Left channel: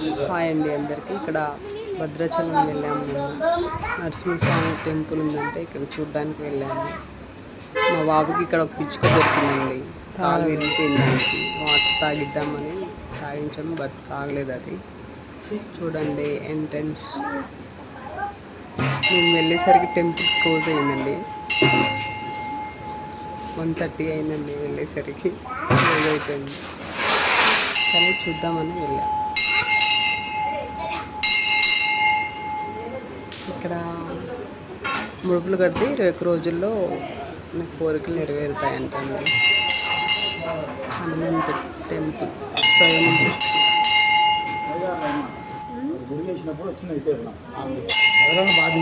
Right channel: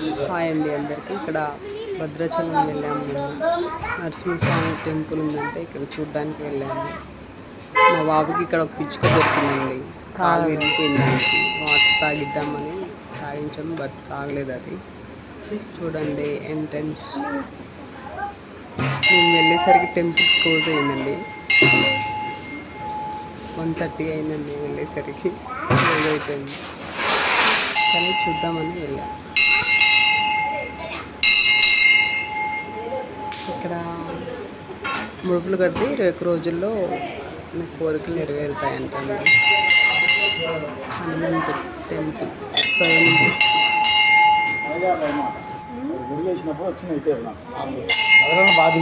Hi అండి అందరికీ. ఇక్కడ భద్రాచలం వెళ్ళాము. మేము నరసింహస్వామి టెంపుల్ ఉందంటే ఇక్కడ చూడ్డానికి వెళ్ళాము. మా బాబుకి ఇక్కడ ఒక పిచ్చుక దొరికిందండి, కాలు విరిగిపోయిందానికి. వాటర్ తాగిద్దామని తాగించాము, బట్ తాగలేదు అది. చూడండి ఎంట్రన్స్. మేము వెళ్ళేసరికి టెంపుల్ క్లోజ్ అయిందండి. 1:30 అయిందండి వెళ్ళేసరికి, క్లోజ్ అయిపోయింది. కానీ చూద్దామని వెళ్ళాం. ఇక్కడ ముడుపులు కడితే 21 రోజుల్లో మీకు కోరికలు నెరవేరుతాయంటండి. హనుమంతు టెంపుల్ స్వయంభూ. బాధ